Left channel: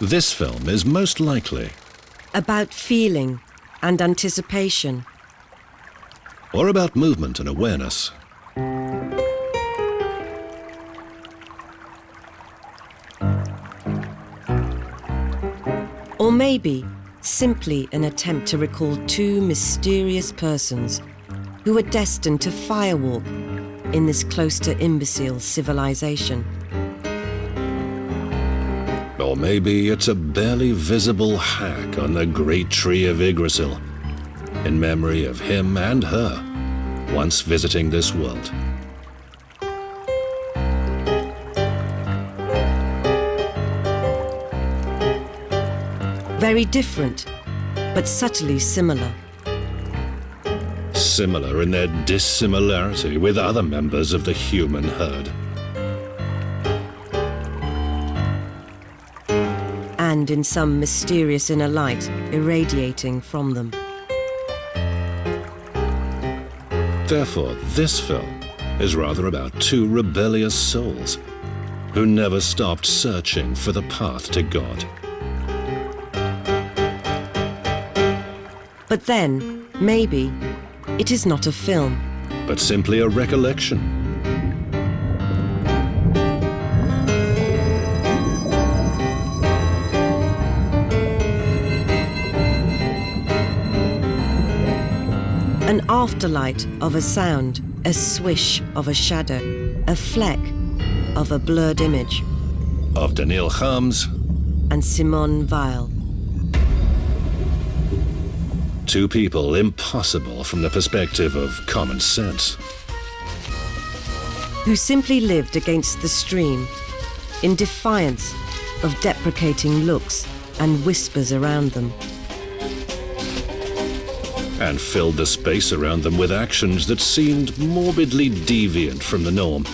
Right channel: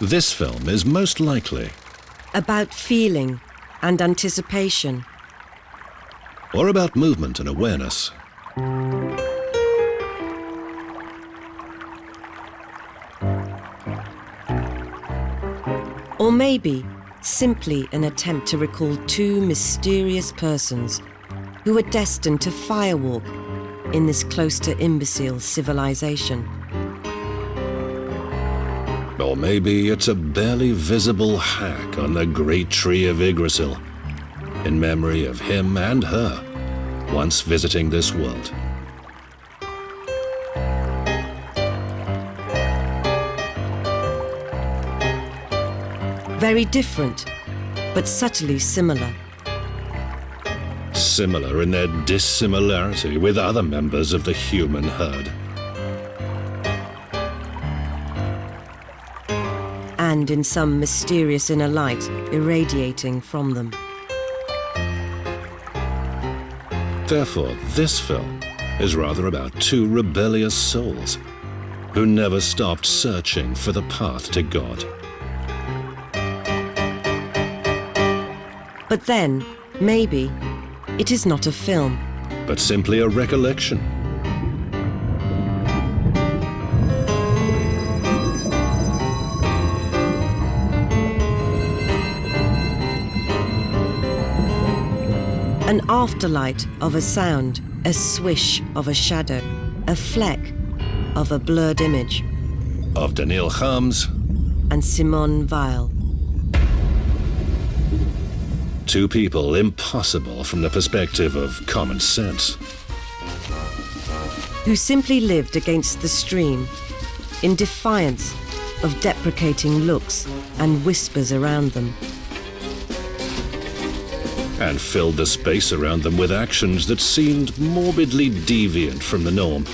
This film is most likely about feeling and anticipation. Or about movement and awareness. Or maybe simply an attempt to recall two mysterious persons who were destined to firewalk in this close to imbecile civilization. Or maybe it's a barely visible hack on the great tree of Yggdrasil, in memory of him and her once visiting this world. Very different, but subtly similar. Similar in their dissimilarity with other members of the human herd. And in some mysterious inner light irradiating from them. Therefore, this film is rather about two rebellious souls who never stopped searching for the path to God. But then, maybe, it is not a film, but simply a recollection. An afterlight of a sound, a swish of a shadow, a fleck of a blurred image. Of Daniil Kharms and Simone Weil. Two people impossible from the perspective of common sense. Who simply lived against the stream, in defiance of deprecating looks and whispers around them. And filled the space around them with actions that seemed morbidly deviant from the norm,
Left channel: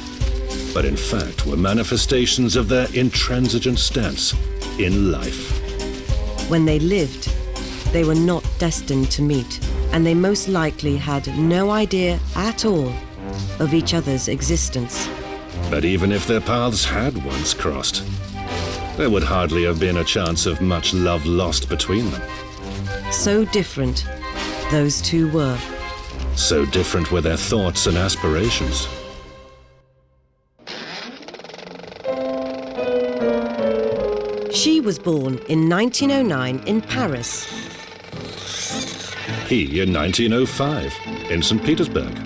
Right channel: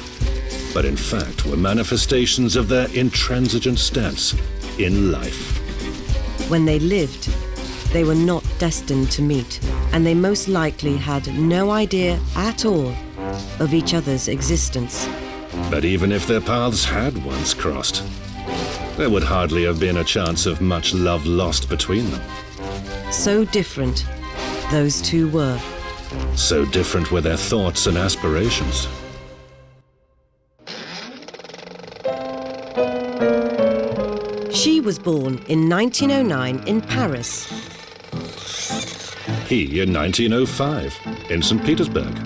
but in fact were manifestations of their intransigent stance in life. When they lived, they were not destined to meet, and they most likely had no idea at all of each other's existence. But even if their paths had once crossed, there would hardly have been a chance of much love lost between them. So different those two were. So different were their thoughts and aspirations. She was born in 1909 in Paris. He in 1905 in St. Petersburg.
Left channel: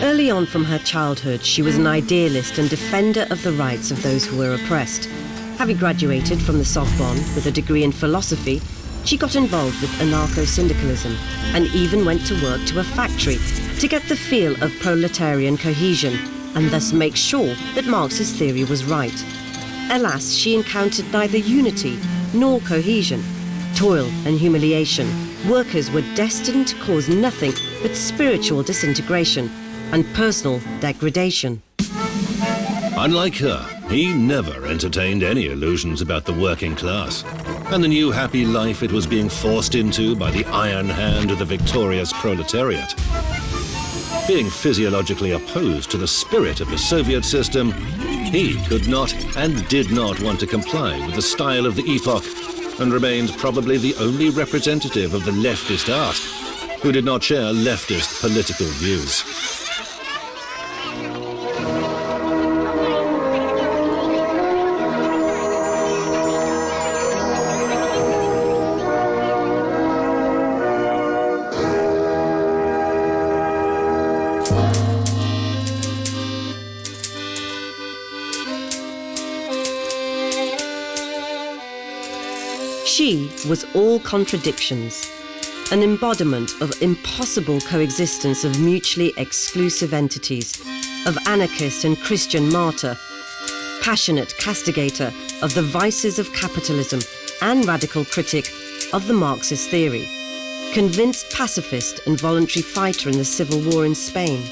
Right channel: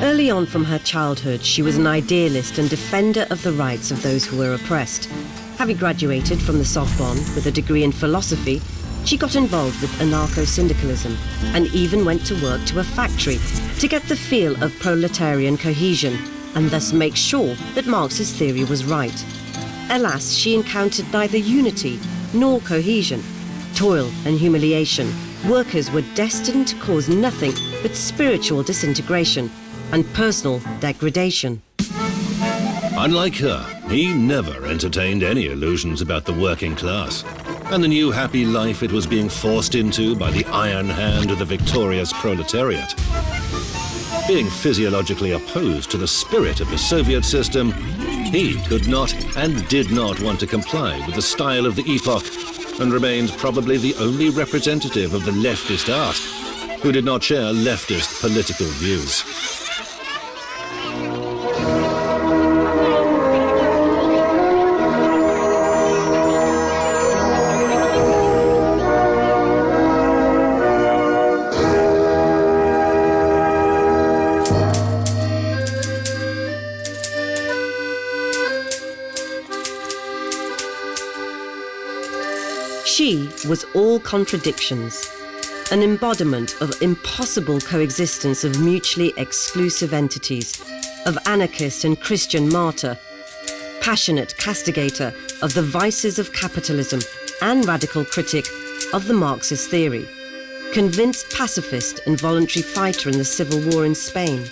Early on from her childhood, she was an idealist and defender of the rights of those who were oppressed. Having graduated from the Sorbonne with a degree in philosophy, she got involved with anarcho-syndicalism and even went to work to a factory to get the feel of proletarian cohesion and thus make sure that Marx's theory was right. Alas, she encountered neither unity nor cohesion. Toil and humiliation. Workers were destined to cause nothing but spiritual disintegration and personal degradation. Unlike her, he never entertained any illusions about the working class and the new happy life it was being forced into by the iron hand of the victorious proletariat. Being physiologically opposed to the spirit of the Soviet system, he could not and did not want to comply with the style of the epoch and remained probably the only representative of the leftist art who did not share leftist political views. She was all contradictions, an embodiment of impossible coexistence of mutually exclusive entities, of anarchist and Christian martyr, passionate castigator of the vices of capitalism and radical critic of the Marxist theory, convinced pacifist and voluntary fighter in the civil war in Spain.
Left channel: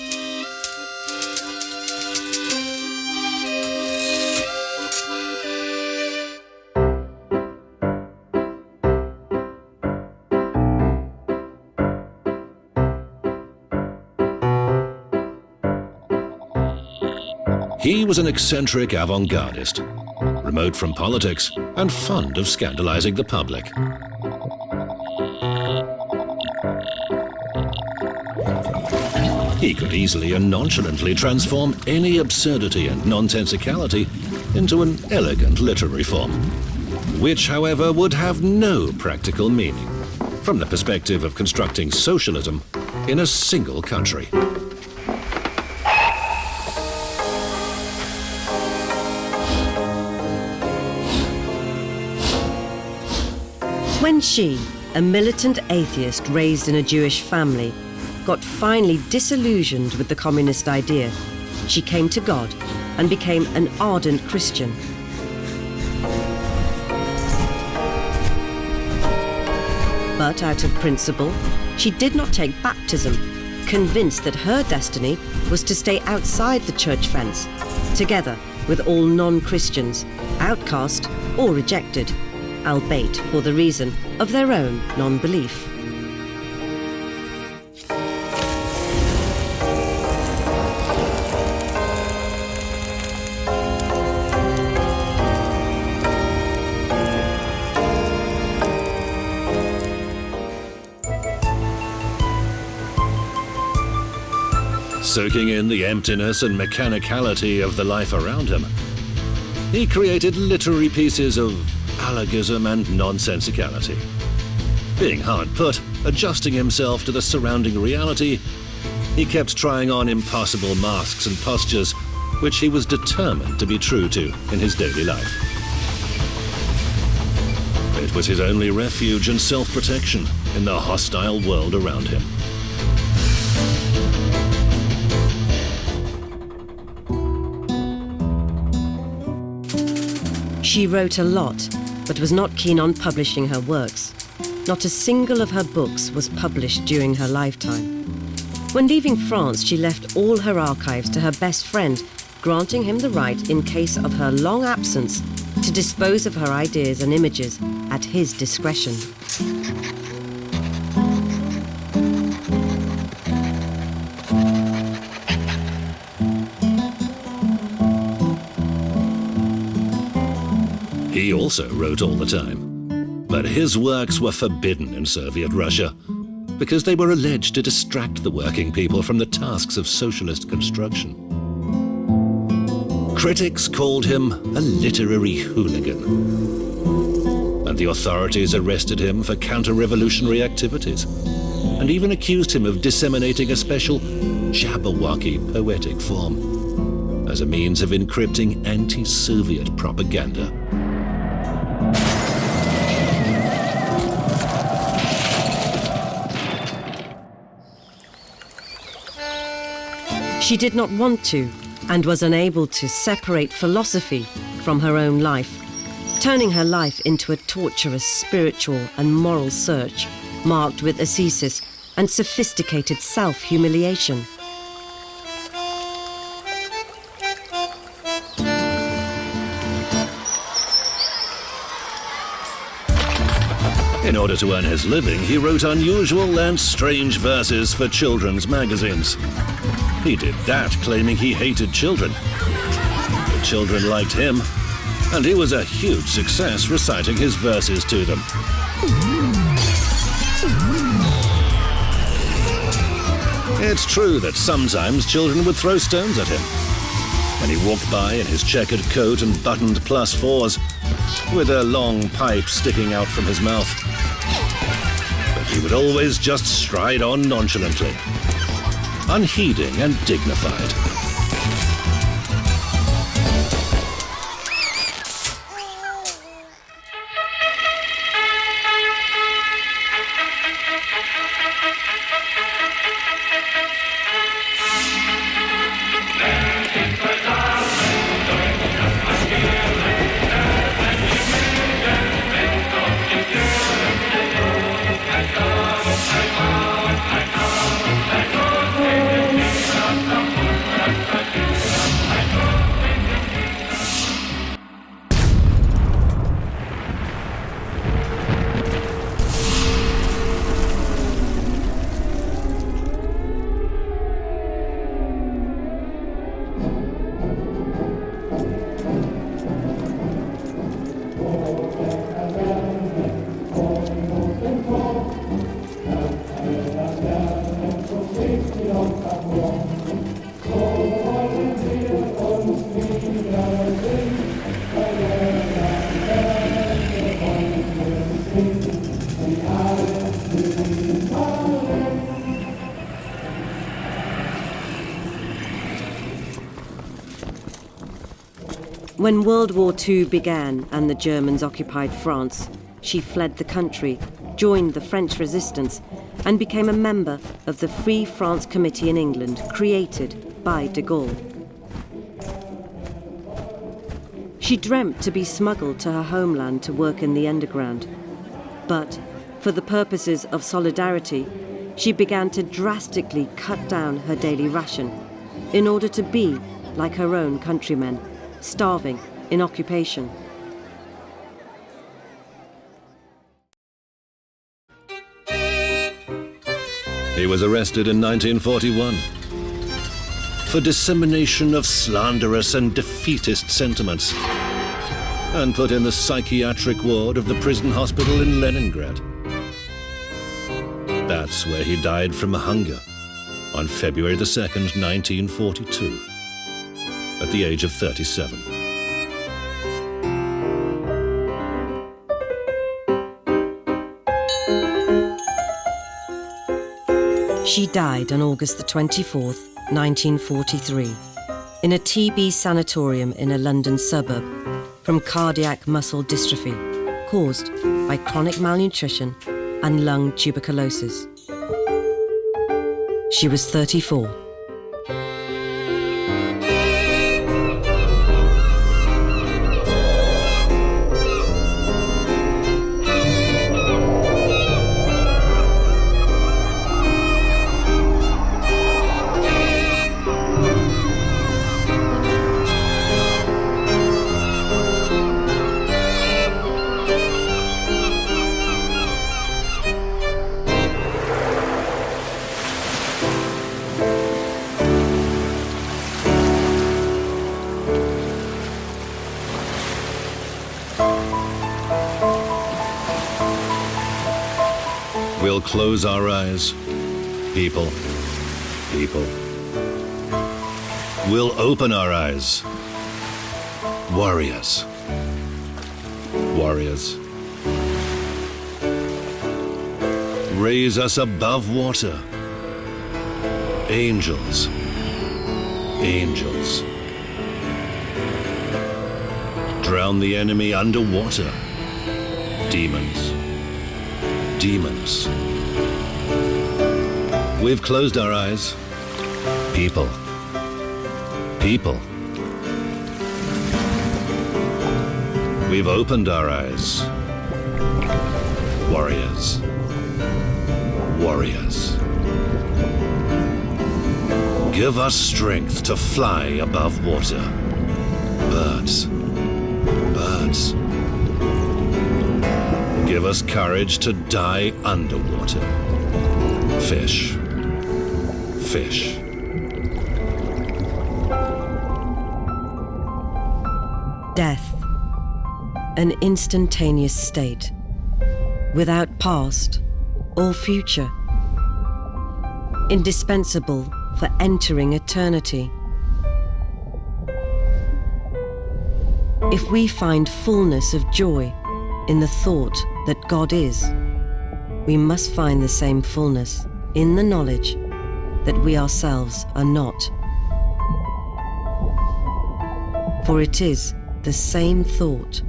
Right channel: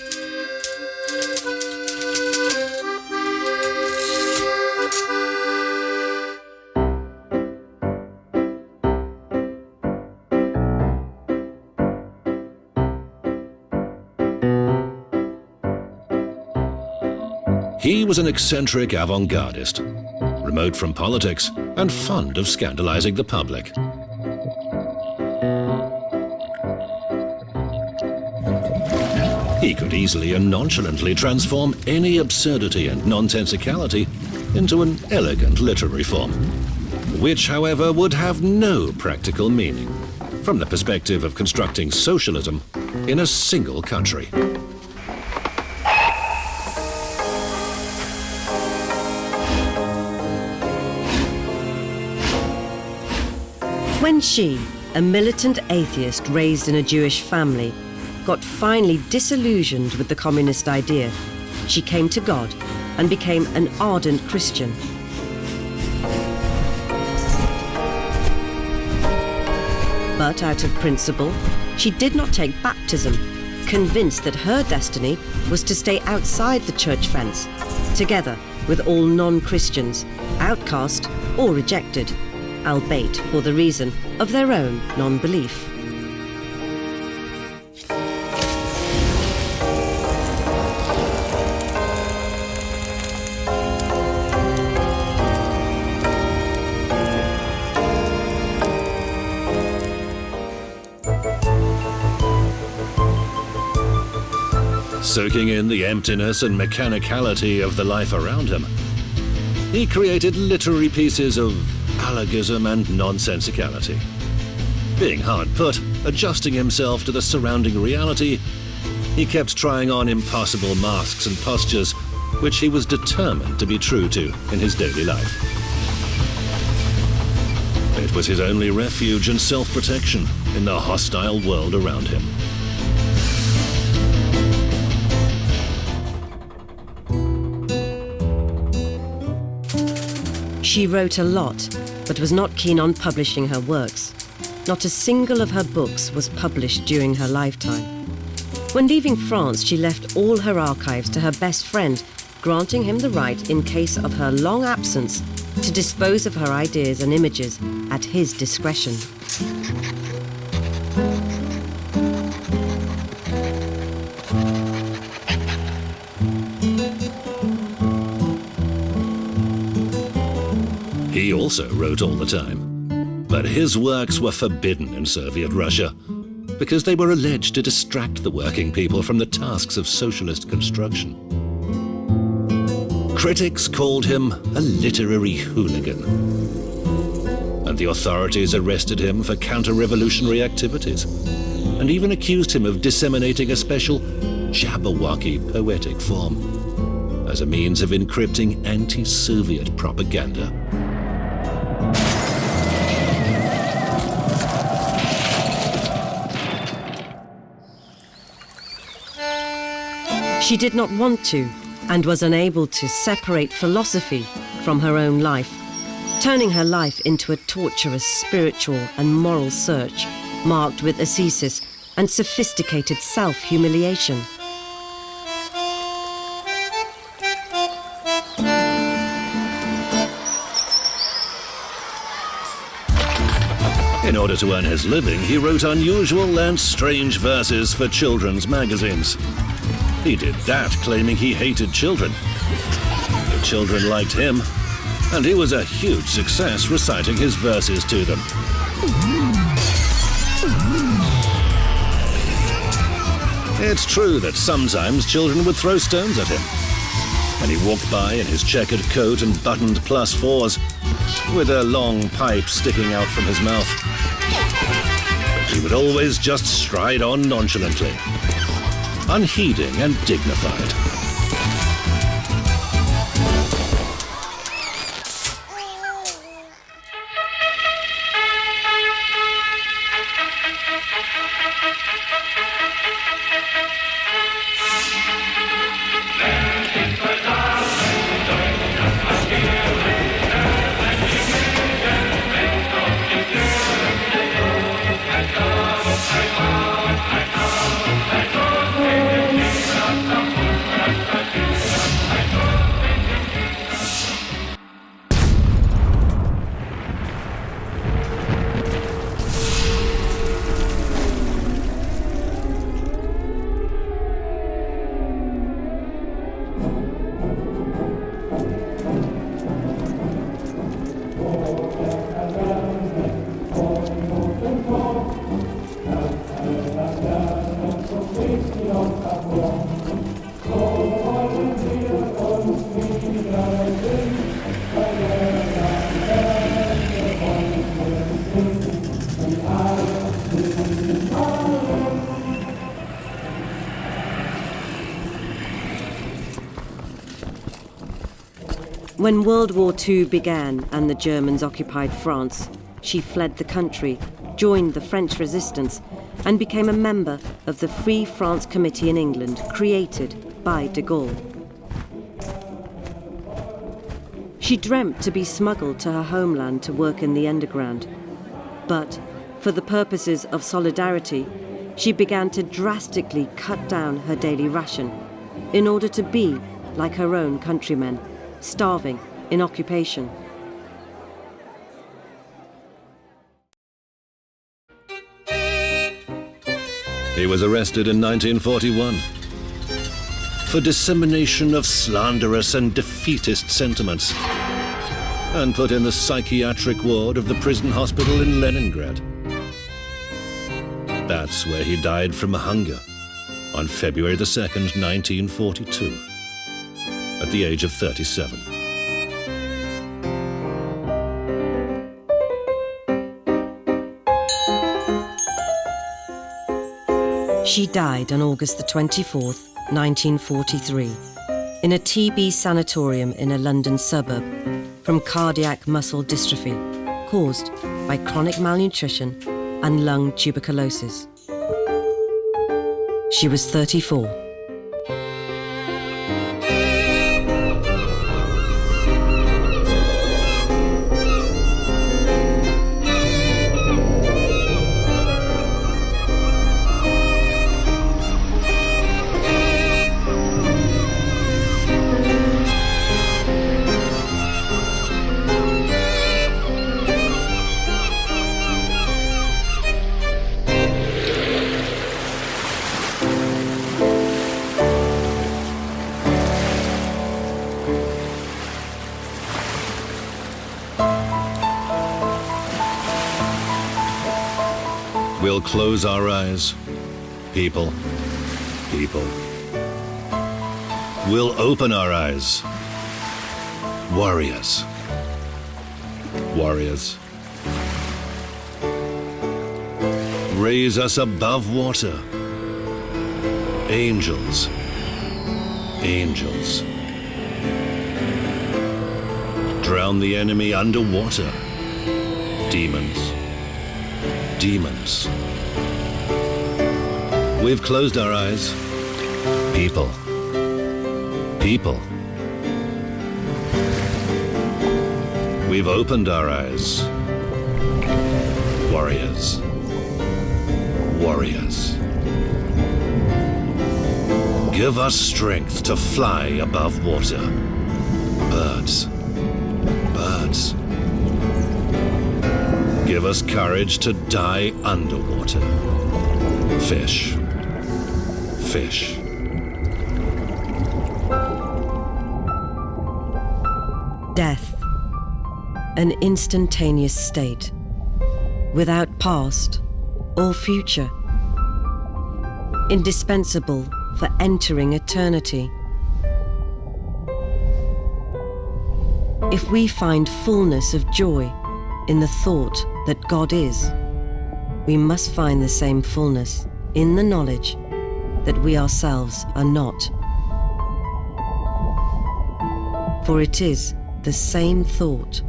He was an eccentric avant-gardist, remote from politics and fond of scandalizing the public. He could easily and nonchalantly transform any absurdity and nonsensicality into an elegant literary form, which, however, would have no practical meaning from the perspective of constructing socialism in a single country. When she, a militant atheist raised in a Jewish family, got finally disillusioned with the communist idea, she came to God and became an ardent Christian. But out of principle, she did not take baptism, convinced that her destiny was to stay outside the church fence, together with all non-Christians, outcast or rejected, albeit for the reason of their own non-belief. Soaking in the emptiness and mechanicality of the life around him, he created literary pieces of allogism and nonsensicality. Being hard put, adjusting himself to the surrounding reality, he kept trying on impossible masks and postures which he was determined to be true to in his daily life. It was his only refuge and self-protection in the hostile world around him. She wrote a lot, but was not keen on publishing her works. Not a single of her books was published during her lifetime. When leaving France, she left all her archives to her best friend, granting him the right, in case of her long absence, to dispose of her ideas and images at his discretion. He also wrote all the time, but his works were forbidden in Soviet Russia because they were alleged to distract the working people from the tasks of socialist construction. Critics called him a literary hooligan, and the authorities arrested him for counter-revolutionary activities and even accused him of disseminating a special Jabberwocky poetic form as a means of encrypting anti-Soviet propaganda. She did not want to, and was unable to, separate philosophy from her own life, turning her life into a torturous spiritual and moral search, marked with ascesis and sophisticated self-humiliation. In order to earn his living, he wrote unusual and strange verses for children's magazines. He did that claiming he hated children. The children liked him, and he was a huge success reciting his verses to them. It's true that sometimes children would throw stones at him when he walked by in his checkered coat and buttoned +4s, with a long pipe sticking out from his mouth. But he would always just stride on nonchalantly, unheeding and dignified. When World War II began and the Germans occupied France, she fled the country, joined the French resistance, and became a member of the Free France Committee in England, created by de Gaulle. She dreamt to be smuggled to her homeland to work in the underground. But, for the purposes of solidarity, she began to drastically cut down her daily ration in order to be like her own countrymen, starving in occupation. He was arrested in 1941 for dissemination of slanderous and defeatist sentiments and put in the psychiatric ward of the prison hospital in Leningrad. That's where he died from hunger on February the 2nd, 1942, at the age of 37. She died on August the 24th, 1943, in a TB sanatorium in a London suburb from cardiac muscle dystrophy caused by chronic malnutrition and lung tuberculosis. She was 34. We'll close our eyes, people, people. We'll open our eyes, warriors, warriors. Raise us above water, angels, angels. Drown the enemy underwater, demons, demons. We've closed our eyes, people, people. We've opened our eyes, warriors, warriors. Give us strength to fly above water, birds, birds. Give us courage to die underwater, fish, fish. Death, an instantaneous state, without past or future, indispensable for entering eternity. If we find fullness of joy in the thought that God is, we must find the same fullness in the knowledge that we ourselves are not. For it is the same thought.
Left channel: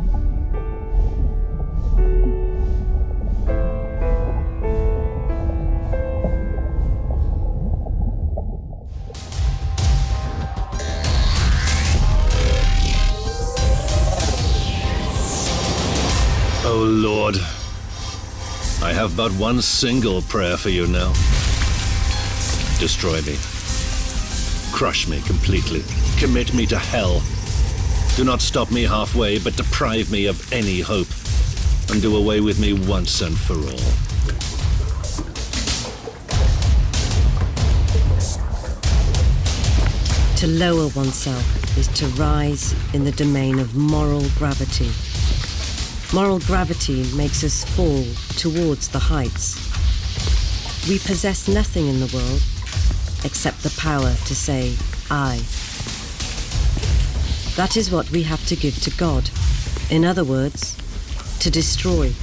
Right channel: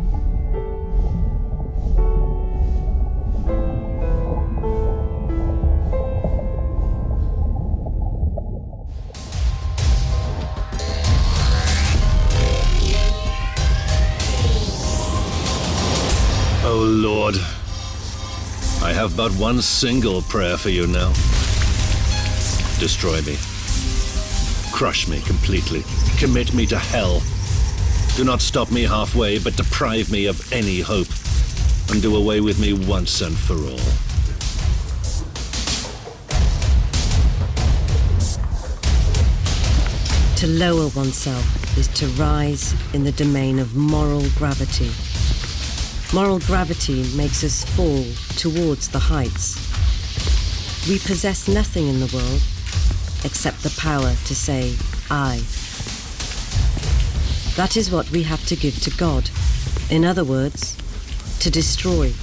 Oh Lord, I have but one single prayer for you now. Destroy me. Crush me completely. Commit me to hell. Do not stop me halfway, but deprive me of any hope, and do away with me once and for all. To lower oneself is to rise in the domain of moral gravity. Moral gravity makes us fall towards the heights. We possess nothing in the world except the power to say, I. That is what we have to give to God. In other words, to destroy.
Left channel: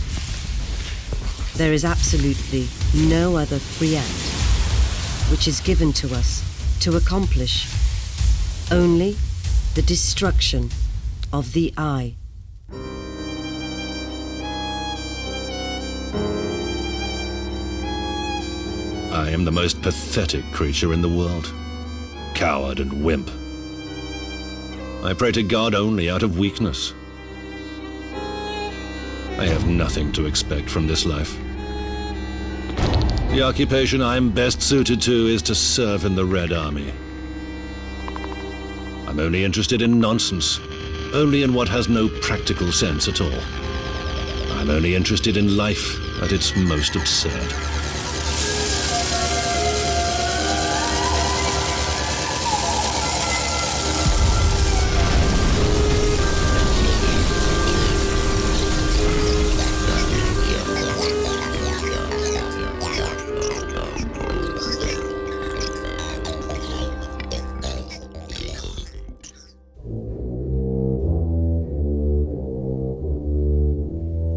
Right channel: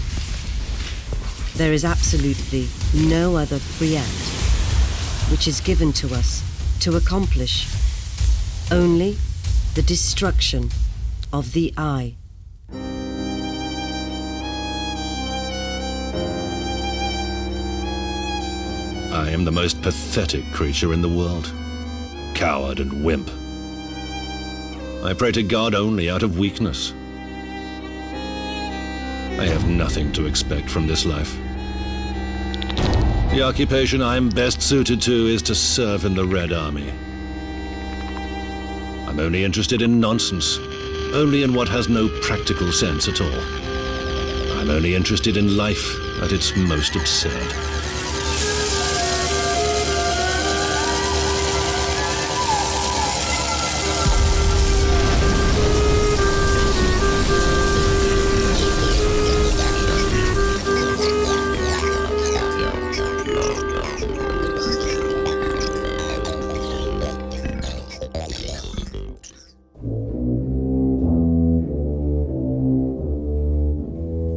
There is absolutely no other free act which is given to us to accomplish only the destruction of the I. I am the most pathetic creature in the world. Coward and wimp. I pray to God only out of weakness. I have nothing to expect from this life. The occupation I am best suited to is to serve in the Red Army. I'm only interested in nonsense, only in what has no practical sense at all. I'm only interested in life at its most absurd.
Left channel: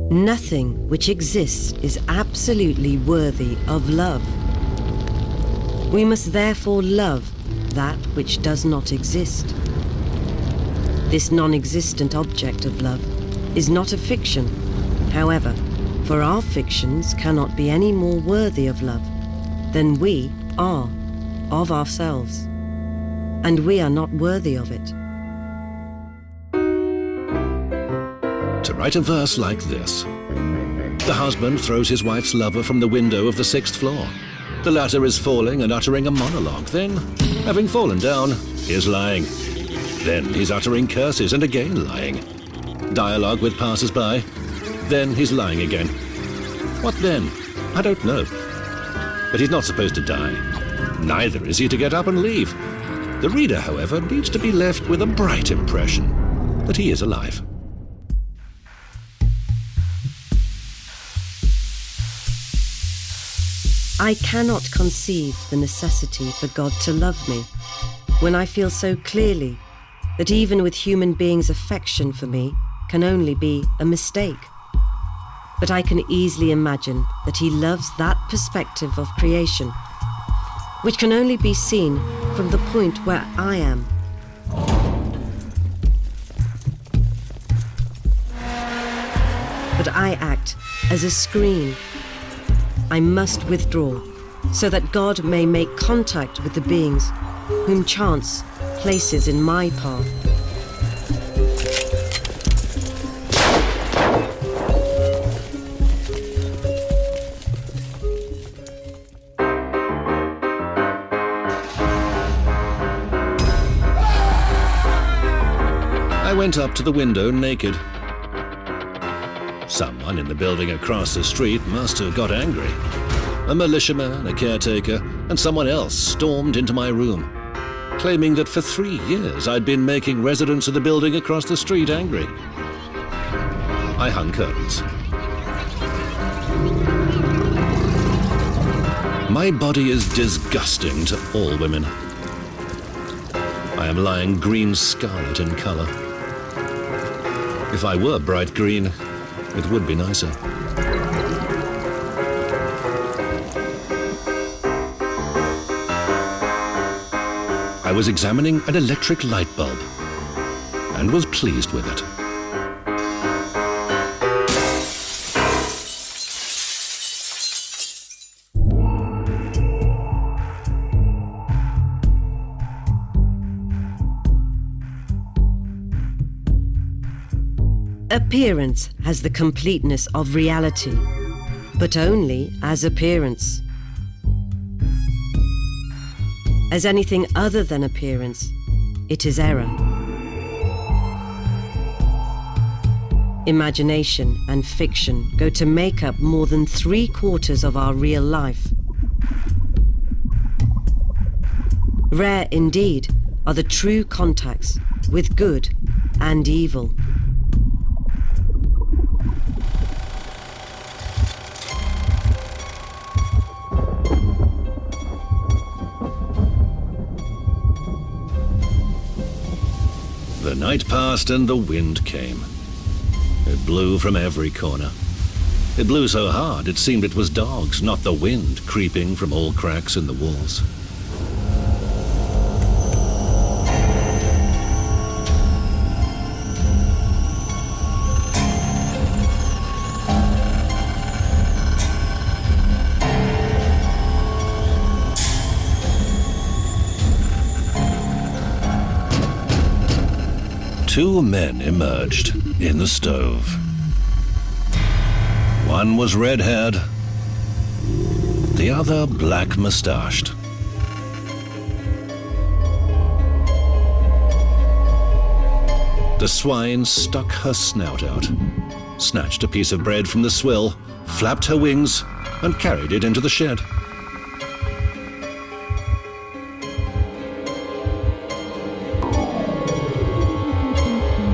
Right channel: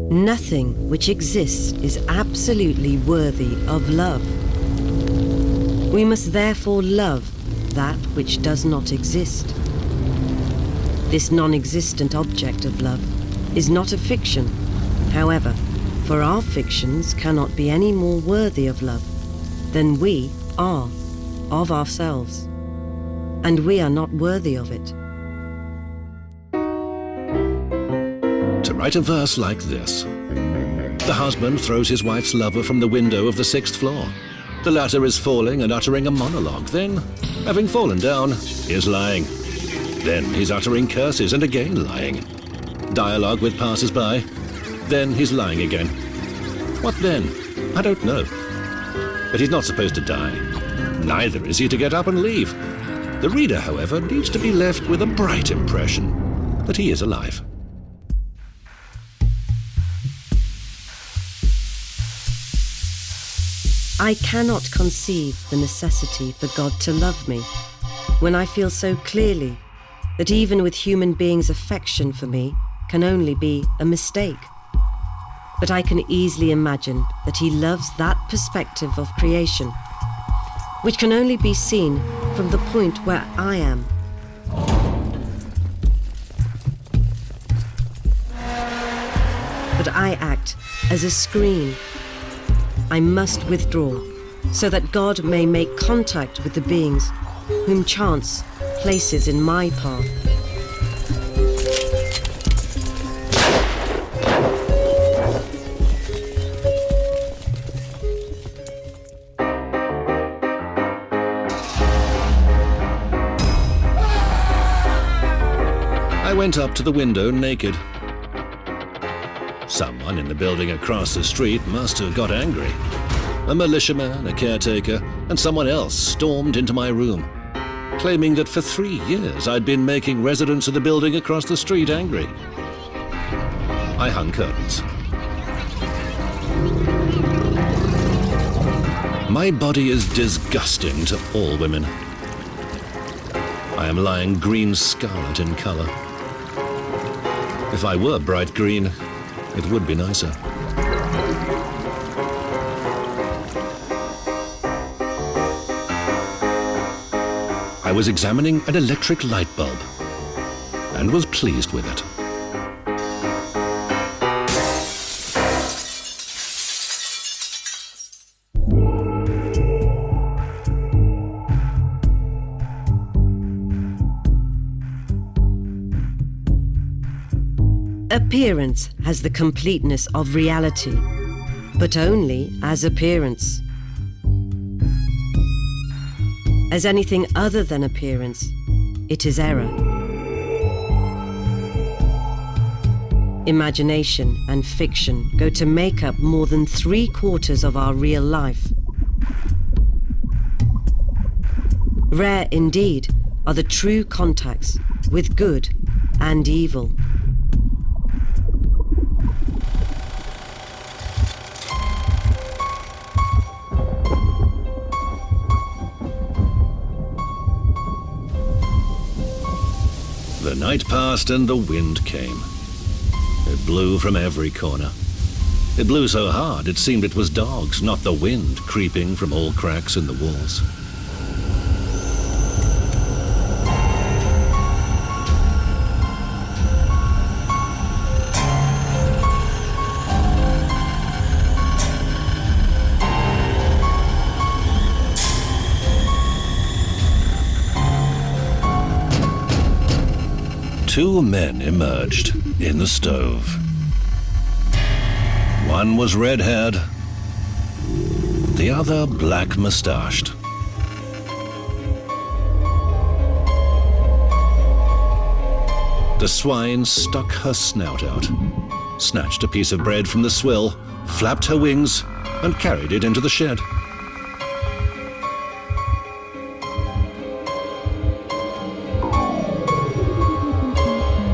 Nothing which exists is absolutely worthy of love. We must therefore love that which does not exist. This non-existent object of love is not a fiction. However, for our fictions cannot be any more worthy of love than we are of ourselves, and we are not worthy of it. To write a verse like this: the husband throws his wife's lover from the window of the 6th floor. The latter is falling and uttering a monologue. Then, having fallen down, he is lying. Then he's uttering curses and again lying. Dialogue with passers-by. Then he's lying again. What then? I don't know. But he's not supposed to die. Neither is he to get up and leave. The reader, however, needs to be left with a bright impression that he is alive. I cannot conceive the necessity for God to love me when I feel so clearly that even with human beings' affection for me can only be a mistake. But I can easily imagine that he loves that perspective of creation, which can only be seen from the point where I am. But I act as a screen. I must withdraw, so that God may make contact with the beings whom chance places in my path. I went up to the window naked. Someone in the building across the street must have got angry. A militiaman, a caretaker, and someone else stormed into my room, claiming that for 3 years I'd been making residents of the building across the street angry. I hung curtains. My body is disgusting to all women. I am lying green scarlet in color. If I were bright green, it would be nicer. I was examining an electric light bulb and was pleased with it. Appearance has the completeness of reality, but only as appearance. As anything other than appearance, it is error. Imagination and fiction go to make up more than 3/4 of our real life. Rare indeed are the true contacts with good and evil. The night passed and the wind came. It blew from every corner. It blew so hard it seemed it was dogs, not the wind, creeping from all cracks in the walls. Two men emerged in the stove. One was red-haired, the other black-mustached. The swine stuck her snout out, snatched a piece of bread from the swill, flapped her wings, and carried it into the shed.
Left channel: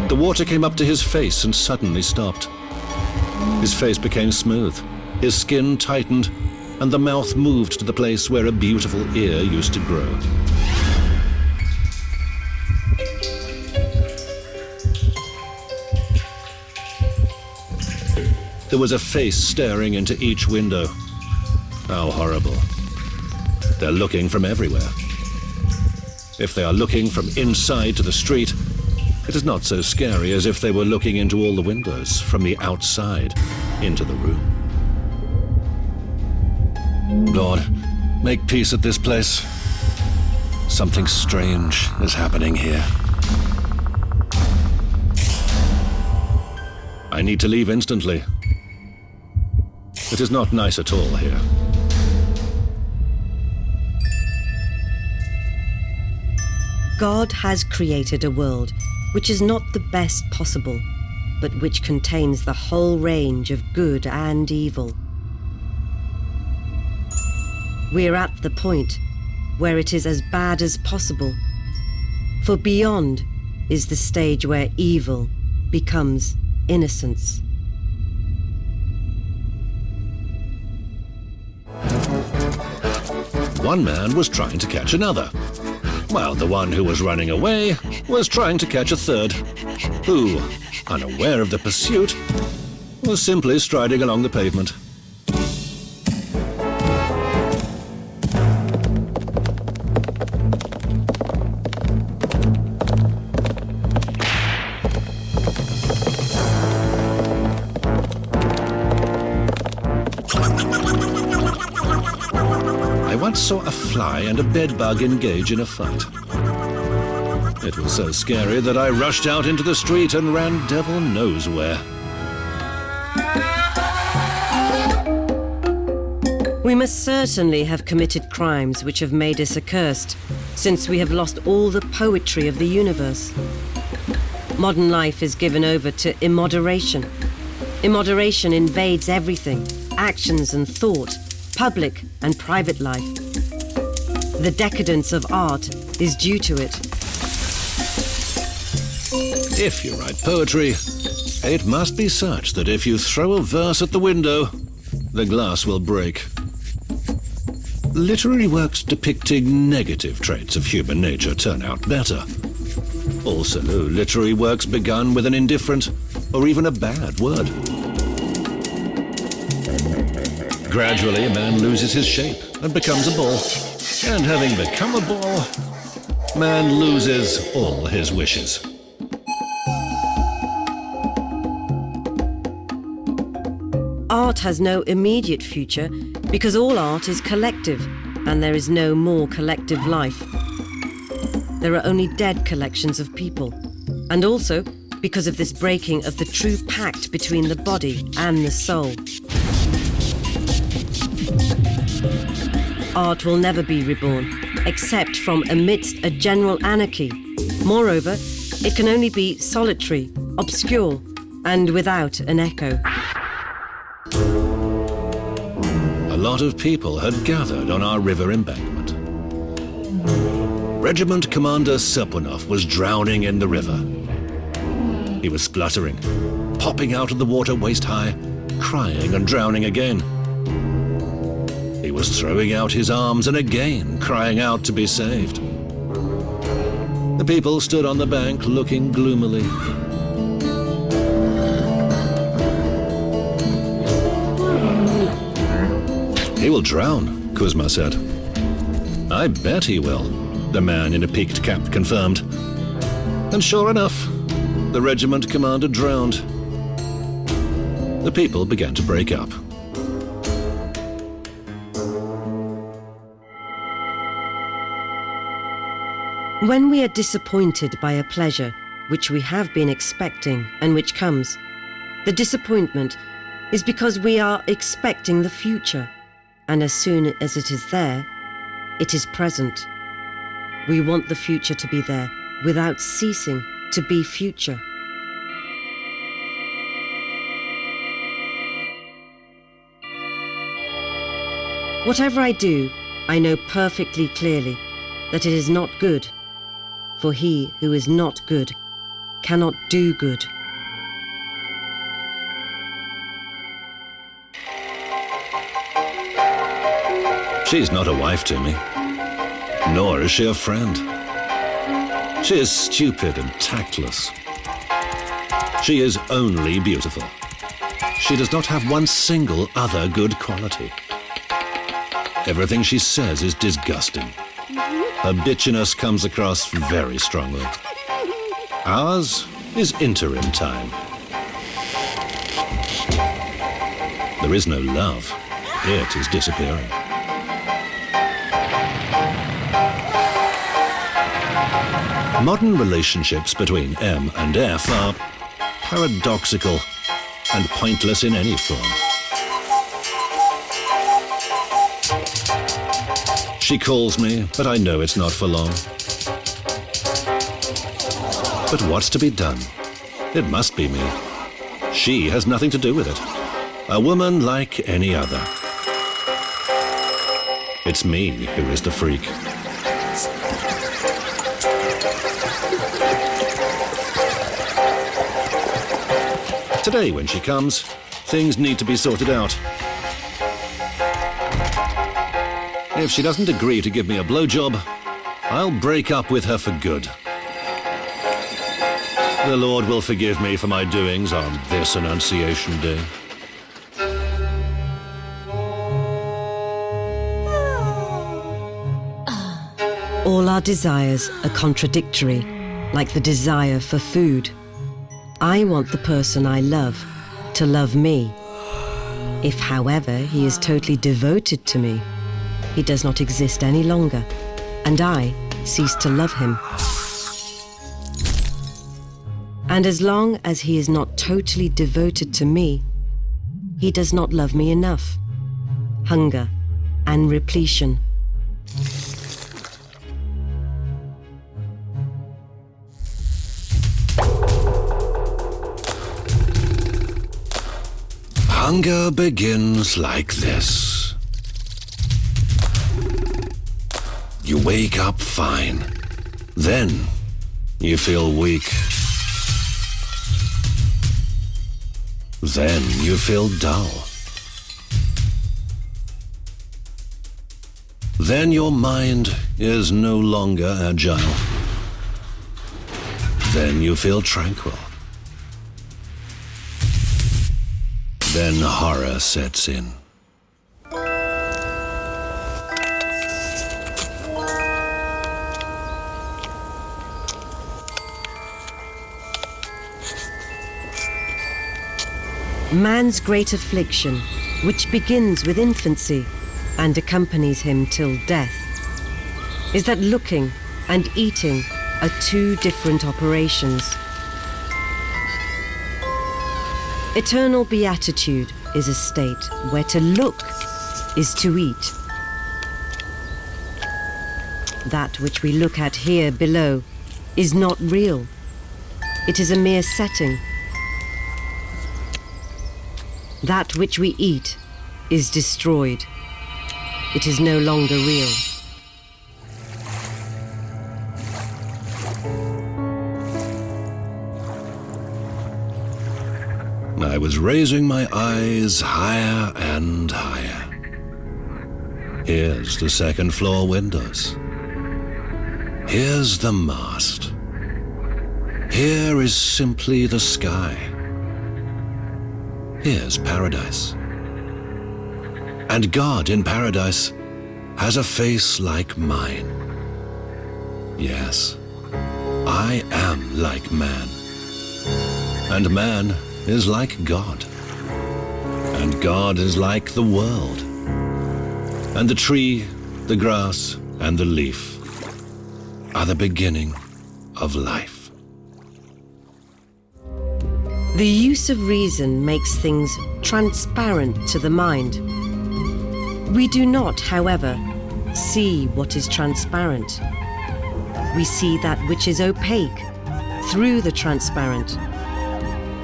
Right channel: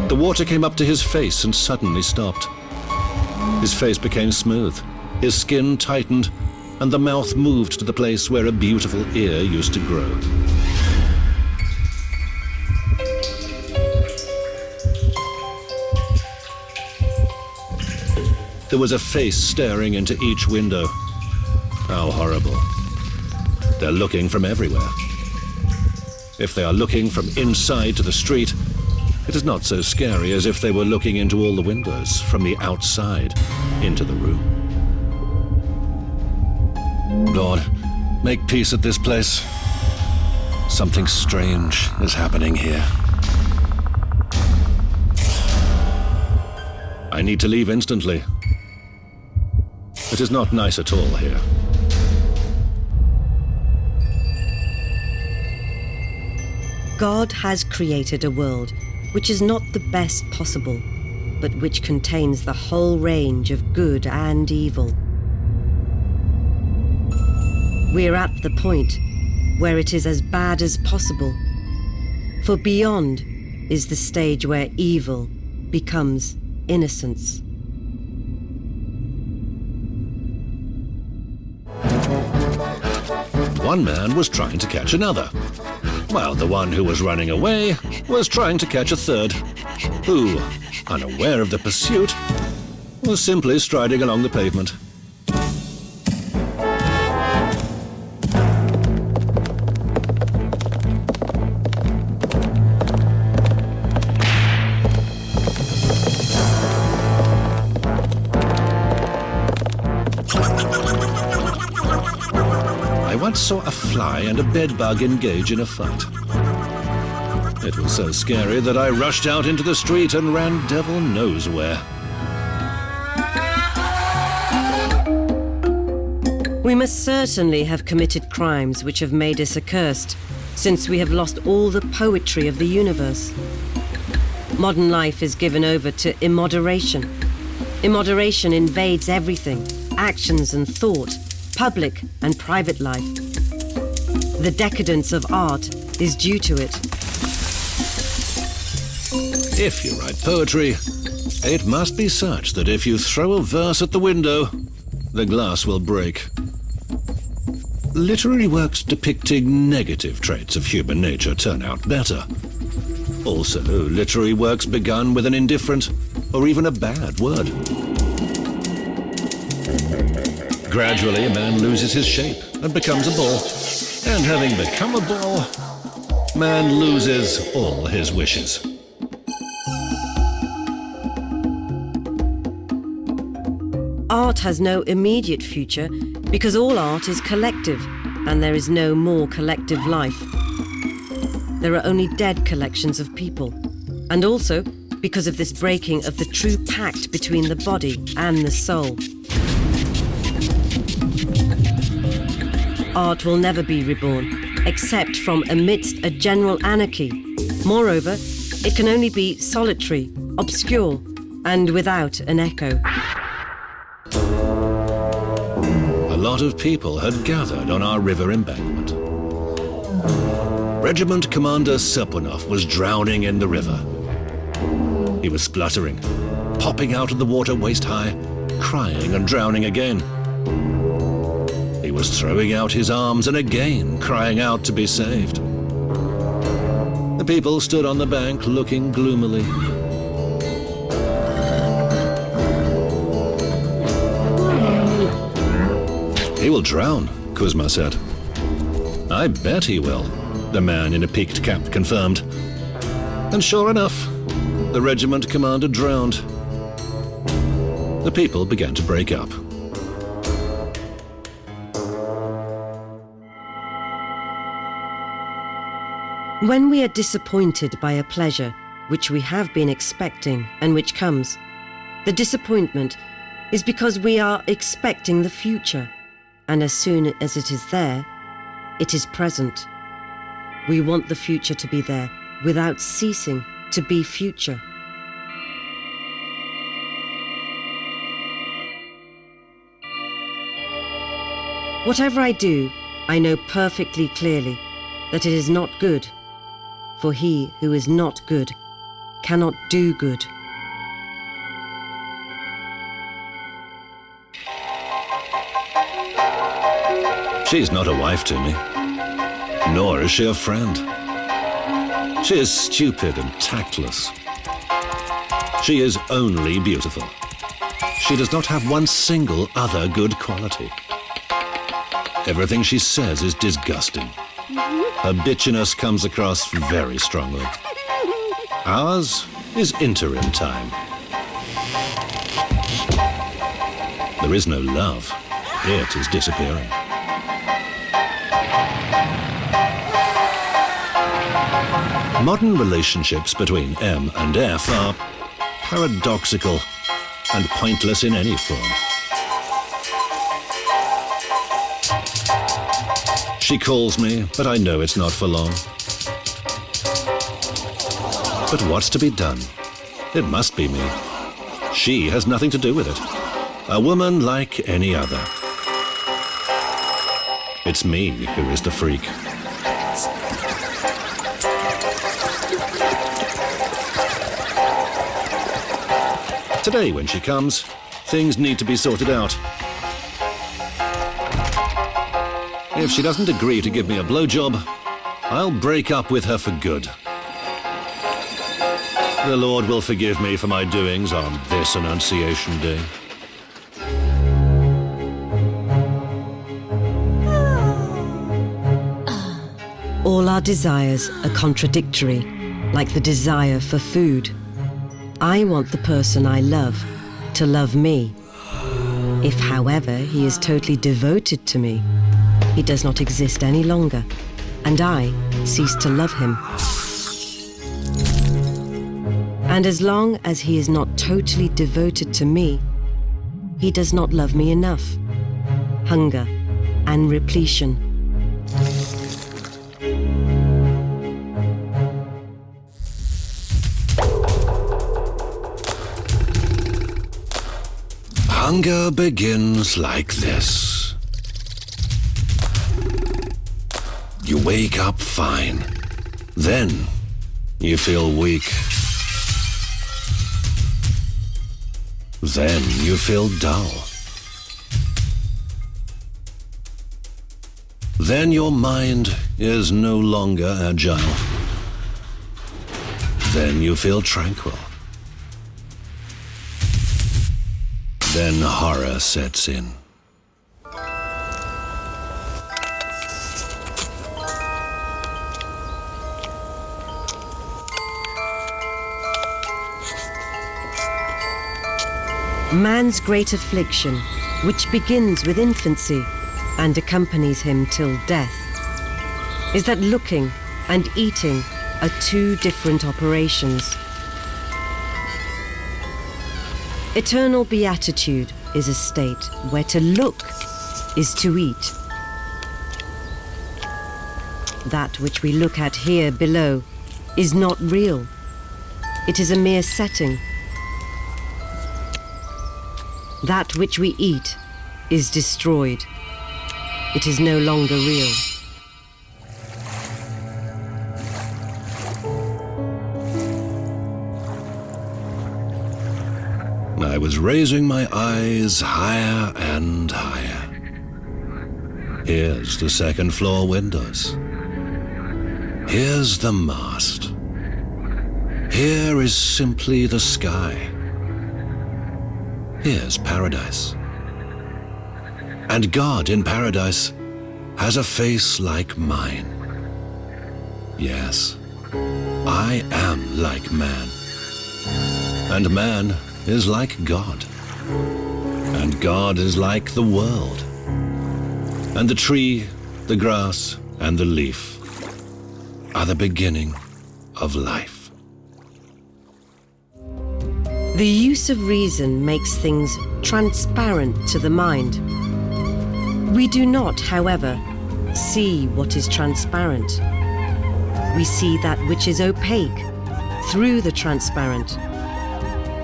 The water came up to his face and suddenly stopped. His face became smooth, his skin tightened, and the mouth moved to the place where a beautiful ear used to grow. There was a face staring into each window. How horrible. They're looking from everywhere. If they are looking from inside to the street, it is not so scary as if they were looking into all the windows from the outside into the room. Lord, make peace at this place. Something strange is happening here. I need to leave instantly. It is not nice at all here. God has created a world which is not the best possible, but which contains the whole range of good and evil. We're at the point where it is as bad as possible, for beyond is the stage where evil becomes innocence. One man was trying to catch another, while the one who was running away was trying to catch a third, who, unaware of the pursuit, was simply striding along the pavement. I once saw a fly and a bedbug engage in a fight. It was so scary that I rushed out into the street and ran devil knows where. We must certainly have committed crimes which have made us accursed, since we have lost all the poetry of the universe. Modern life is given over to immoderation. Immoderation invades everything, actions and thought, public and private life. The decadence of art is due to it. If you write poetry, it must be such that if you throw a verse at the window, the glass will break. Literary works depicting negative traits of human nature turn out better. Also, literary works begun with an indifferent or even a bad word. Gradually, a man loses his shape and becomes a ball. And having become a ball, man loses all his wishes. Art has no immediate future because all art is collective, and there is no more collective life. There are only dead collections of people, and also because of this breaking of the true pact between the body and the soul. Art will never be reborn, except from amidst a general anarchy. Moreover, it can only be solitary, obscure, and without an echo. A lot of people had gathered on our river embankment. Regiment Commander Serpunov was drowning in the river. He was spluttering, popping out of the water waist-high, crying and drowning again. He was throwing out his arms and again crying out to be saved. The people stood on the bank looking gloomily. He will drown, Kuzma said. I bet he will, the man in a peaked cap confirmed. And sure enough, the regiment commander drowned. The people began to break up. When we are disappointed by a pleasure, which we have been expecting and which comes. The disappointment is because we are expecting the future, and as soon as it is there, it is present. We want the future to be there without ceasing to be future. Whatever I do, I know perfectly clearly that it is not good, for he who is not good cannot do good. She's not a wife to me, nor is she a friend. She is stupid and tactless. She is only beautiful. She does not have one single other good quality. Everything she says is disgusting. Her bitchiness comes across very strongly. Ours is interim time. There is no love. It is disappearing. Modern relationships between M and F are paradoxical and pointless in any form. She calls me, but I know it's not for long. But what's to be done? It must be me. She has nothing to do with it. A woman like any other. It's me who is the freak. Today, when she comes, things need to be sorted out. If she doesn't agree to give me a blowjob, I'll break up with her for good. The Lord will forgive me for my doings on this Annunciation Day. All our desires are contradictory, like the desire for food. I want the person I love to love me. If, however, he is totally devoted to me, he does not exist any longer, and I cease to love him. And as long as he is not totally devoted to me, he does not love me enough. Hunger and repletion. Hunger begins like this. You wake up fine. Then you feel weak. Then you feel dull. Then your mind is no longer agile. Then you feel tranquil. Then horror sets in. Man's great affliction, which begins with infancy and accompanies him till death, is that looking and eating are two different operations. Eternal beatitude is a state where to look is to eat. That which we look at here below is not real. It is a mere setting. That which we eat is destroyed. It is no longer real. I was raising my eyes higher and higher. Here's the second floor windows. Here's the mast. Here is simply the sky. Here's paradise. And God in paradise has a face like mine. Yes, I am like man. And man is like God. And God is like the world. And the tree, the grass, and the leaf are the beginning of life. The use of reason makes things transparent to the mind. We do not, however, see what is transparent. We see that which is opaque through the transparent.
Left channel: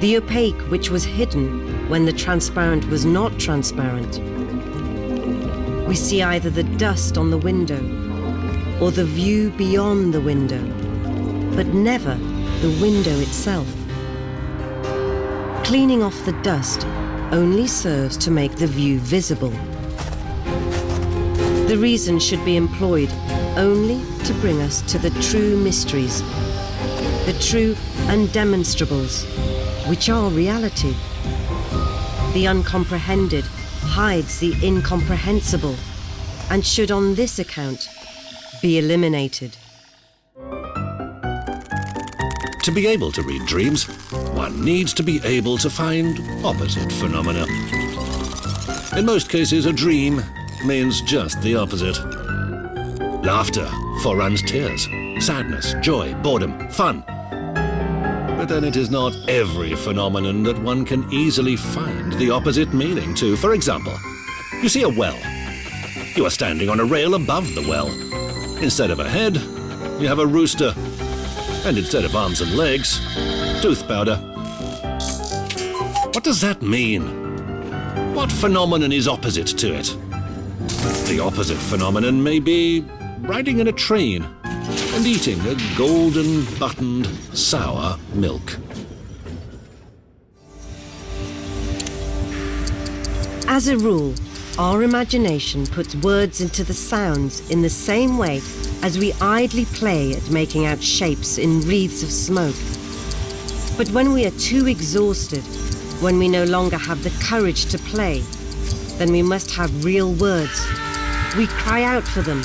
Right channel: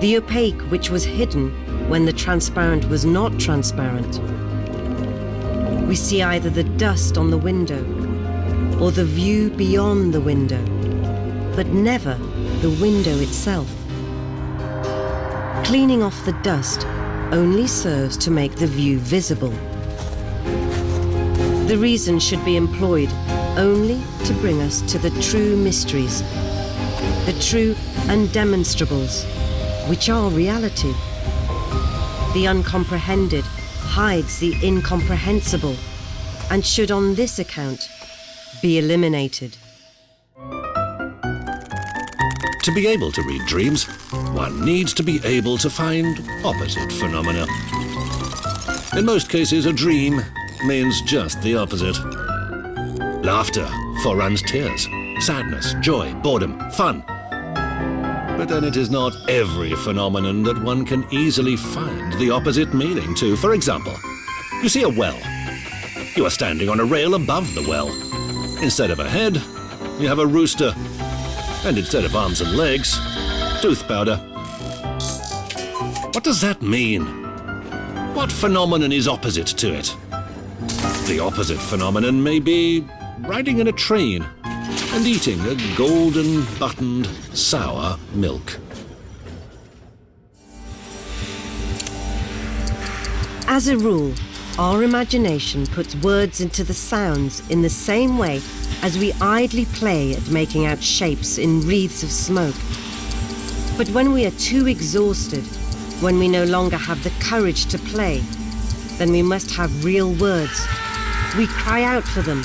The opaque which was hidden when the transparent was not transparent. We see either the dust on the window or the view beyond the window, but never the window itself. Cleaning off the dust only serves to make the view visible. The reason should be employed only to bring us to the true mysteries, the true undemonstrables, which are reality. The uncomprehended hides the incomprehensible, and should on this account be eliminated. To be able to read dreams, one needs to be able to find opposite phenomena. In most cases, a dream means just the opposite. Laughter foreruns tears, sadness, joy, boredom, fun. But then it is not every phenomenon that one can easily find the opposite meaning to. For example, you see a well. You are standing on a rail above the well. Instead of a head, you have a rooster. And instead of arms and legs, tooth powder. What does that mean? What phenomenon is opposite to it? The opposite phenomenon may be riding in a train and eating a golden buttoned sour milk. As a rule, our imagination puts words into the sounds in the same way as we idly play at making out shapes in wreaths of smoke. But when we are too exhausted, when we no longer have the courage to play, then we must have real words. We cry out for them.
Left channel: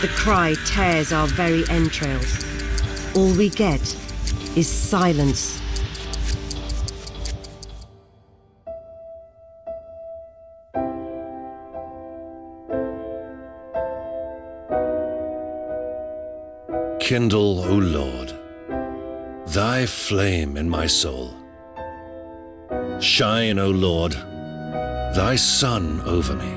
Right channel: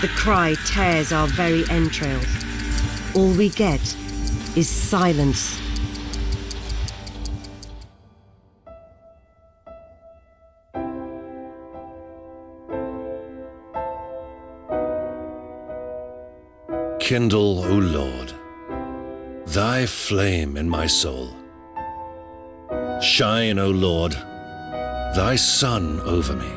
The cry tears our very entrails. All we get is silence. Kindle, O Lord, thy flame in my soul. Shine, O Lord, thy sun over me.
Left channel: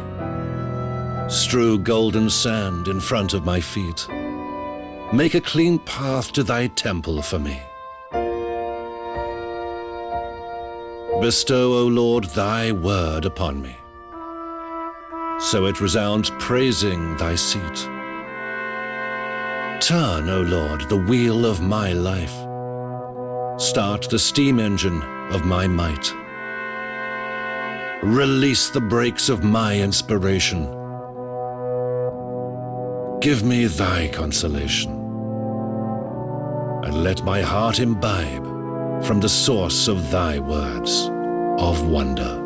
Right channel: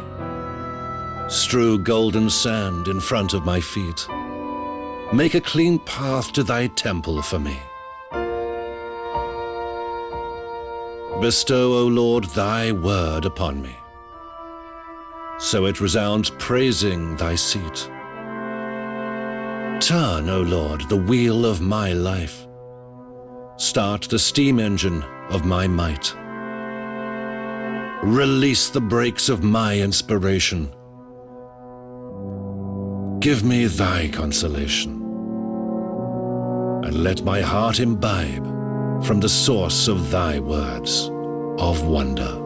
Strew golden sand in front of my feet. Make a clean path to thy temple for me. Bestow, O Lord, thy word upon me, so it resounds praising thy seat. Turn, O Lord, the wheel of my life. Start the steam engine of my might. Release the brakes of my inspiration. Give me thy consolation, and let my heart imbibe from the source of thy words of wonder.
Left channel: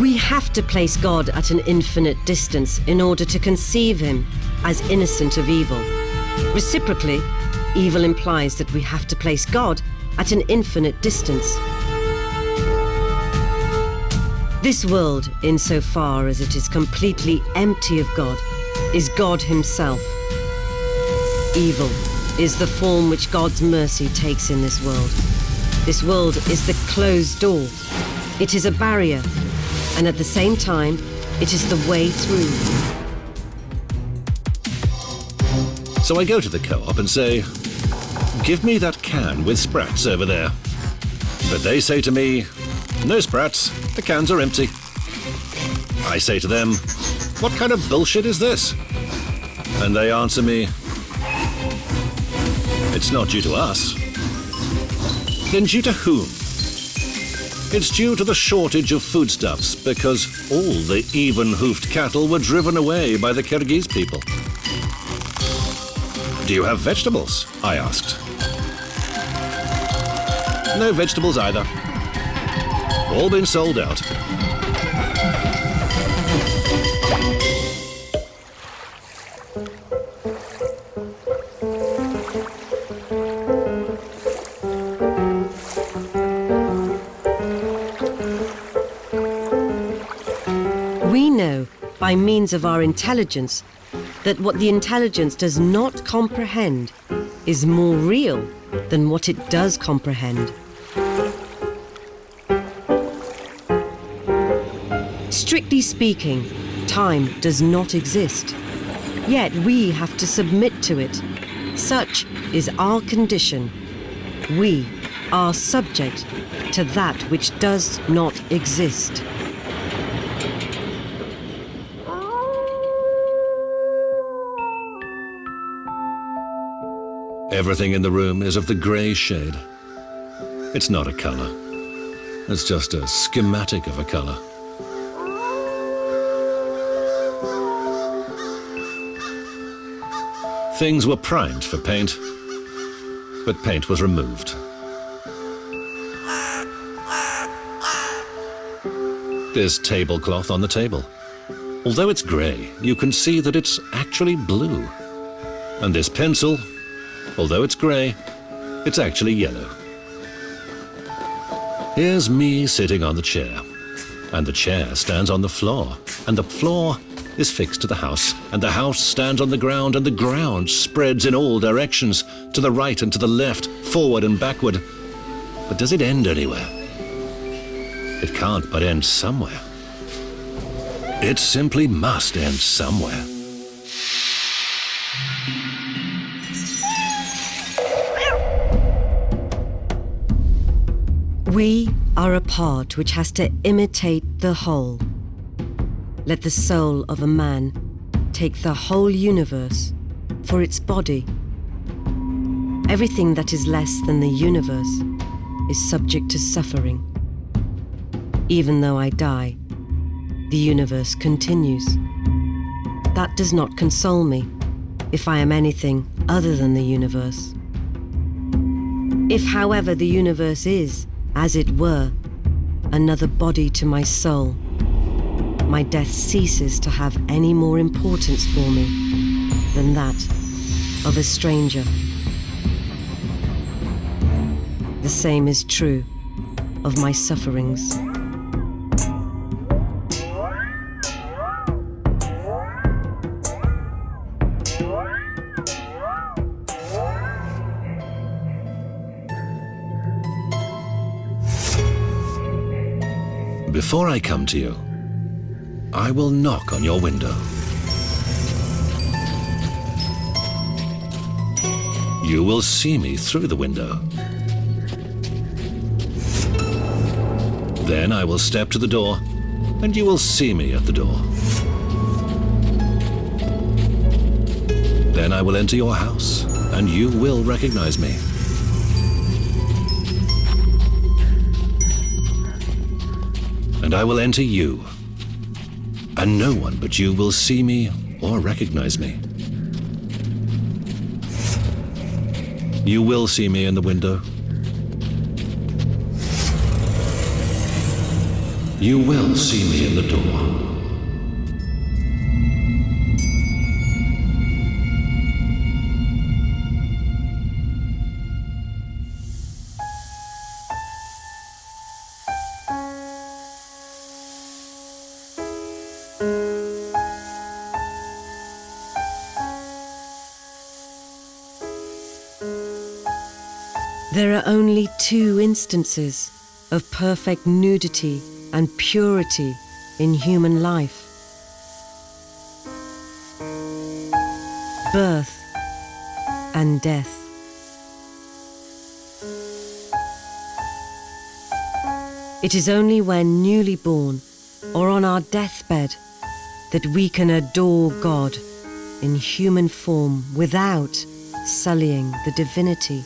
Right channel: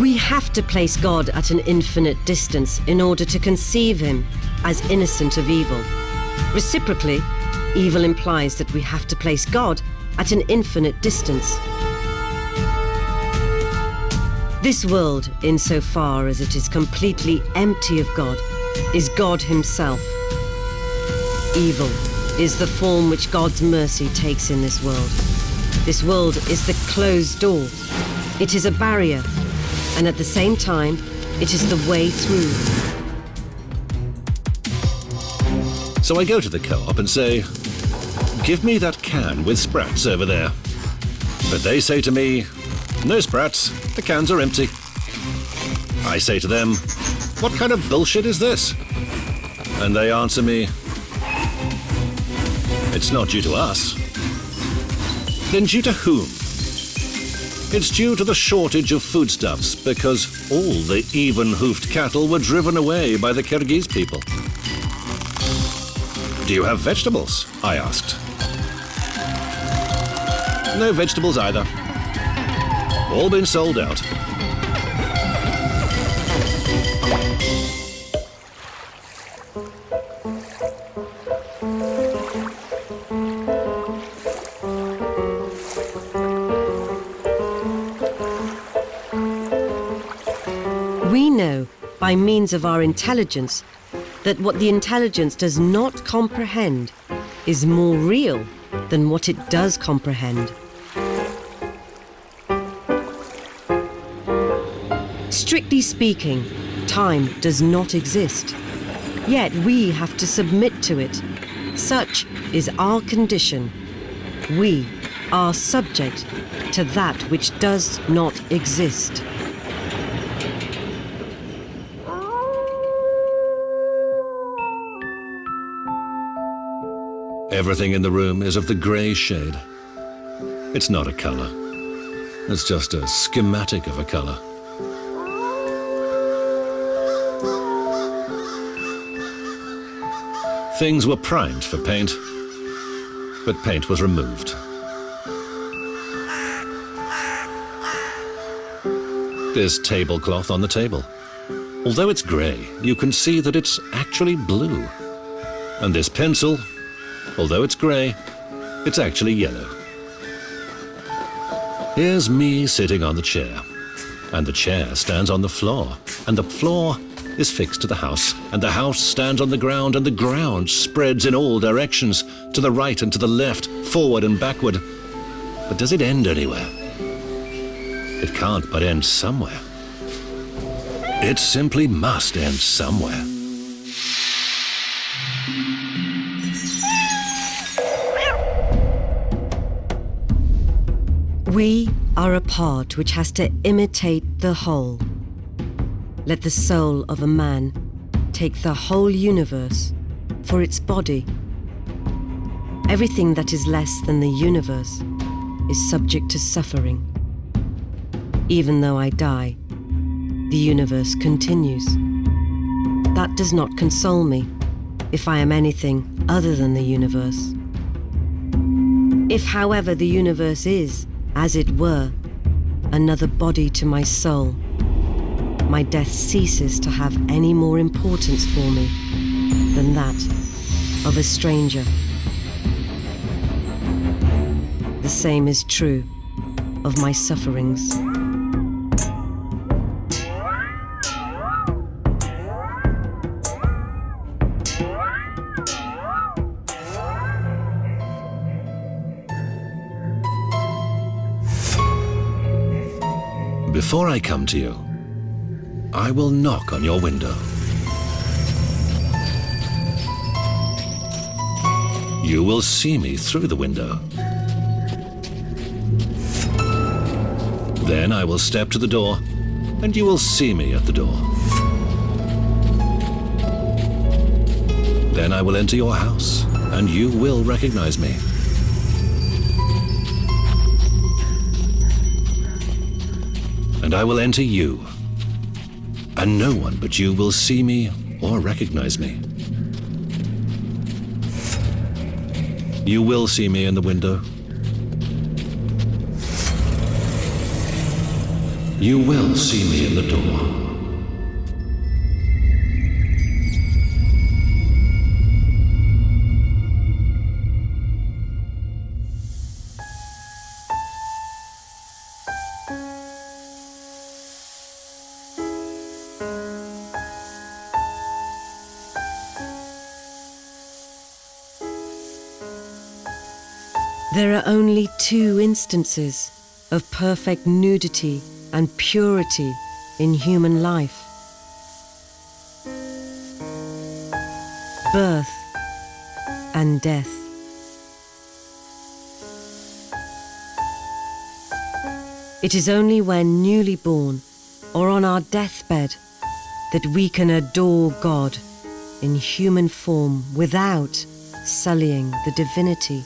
We have to place God at an infinite distance in order to conceive him as innocent of evil. Reciprocally, evil implies that we have to place God at an infinite distance. This world, insofar as it is completely empty of God, is God himself. Evil is the form which God's mercy takes in this world. This world is the closed door. It is a barrier, and at the same time, it is the way through. So I go to the co-op and say, give me that can with sprats over there. But they say to me, no sprats, the cans are empty. I say to them, what kind of bullshit is this? And they answer me, it's not due to us. Then due to whom? It's due to the shortage of foodstuffs because all the even-hoofed cattle were driven away by the Kyrgyz people. Do you have vegetables? I asked. No vegetables either. All been sold out. We know, by means of our intelligence, that what the intelligence does not comprehend is more real than what it does comprehend. Strictly speaking, time does not exist. Yet we have to submit to it. Such is our condition. We are subject to that which does not exist. Everything in the room is of the grey shade. It's not a colour. It's just a schematic of a colour. Things were primed for paint, but paint was removed. This tablecloth on the table. Although it's grey, you can see that it's actually blue. And this pencil, although it's grey, it's actually yellow. Here's me sitting on the chair, and the chair stands on the floor, and the floor is fixed to the house, and the house stands on the ground, and the ground spreads in all directions, to the right and to the left, forward and backward. But does it end anywhere? It can't but end somewhere. It simply must end somewhere. We are a part which has to imitate the whole. Let the soul of a man take the whole universe for its body. Everything that is less than the universe is subject to suffering. Even though I die, the universe continues. That does not console me if I am anything other than the universe. If, however, the universe is, as it were, another body to my soul, my death ceases to have any more importance for me than that of a stranger. The same is true of my sufferings. Before I come to you, I will knock on your window. You will see me through the window. Then I will step to the door, and you will see me at the door. Then I will enter your house, and you will recognize me. And I will enter you, and no one but you will see me or recognize me. You will see me in the window. You will see me in the door. There are only two instances of perfect nudity and purity in human life. Birth and death. It is only when newly born or on our deathbed that we can adore God in human form without sullying the divinity.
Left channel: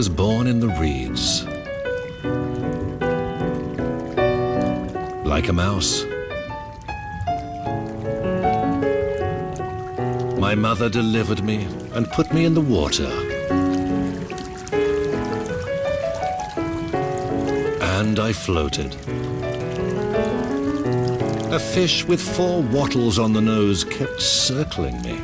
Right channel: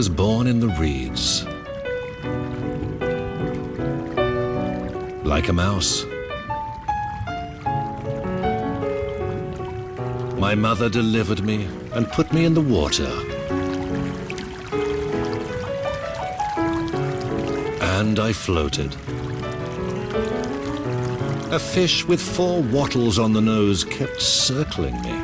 was born in the reeds. Like a mouse. My mother delivered me and put me in the water. And I floated. A fish with 4 wattles on the nose kept circling me.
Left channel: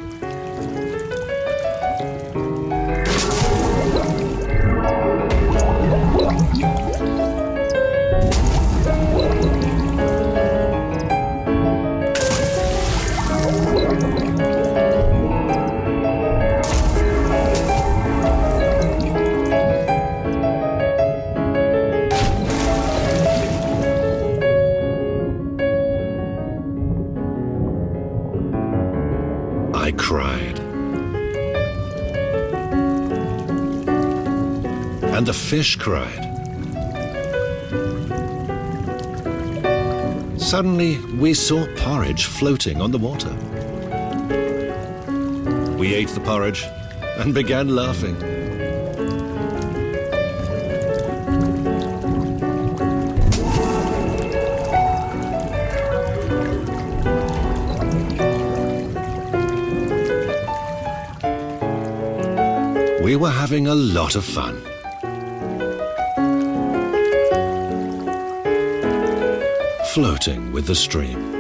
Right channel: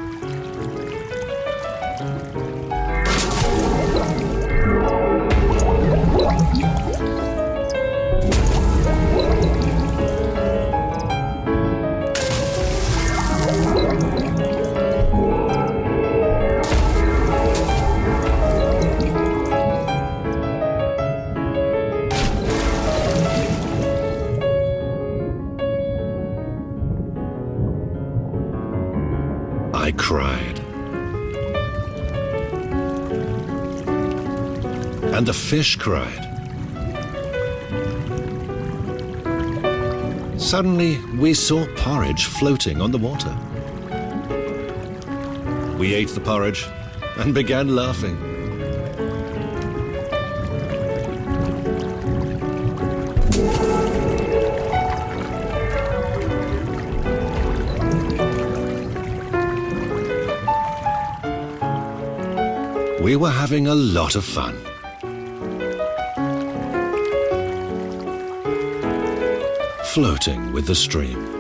I cried. And the fish cried. Suddenly, we saw porridge floating on the water. We ate the porridge and began laughing. We were having a lot of fun. Floating with the stream.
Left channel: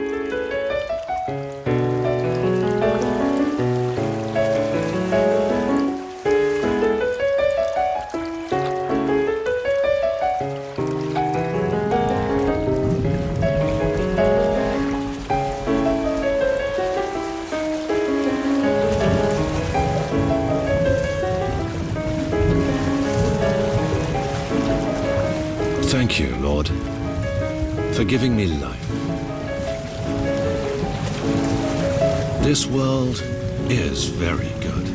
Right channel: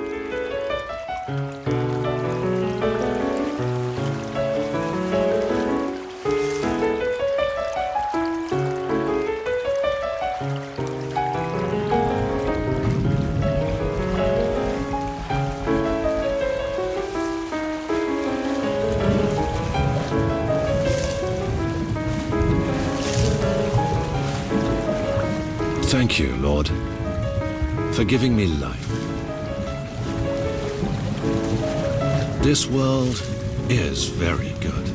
Thank you, Lord, for giving me life. This world is very good.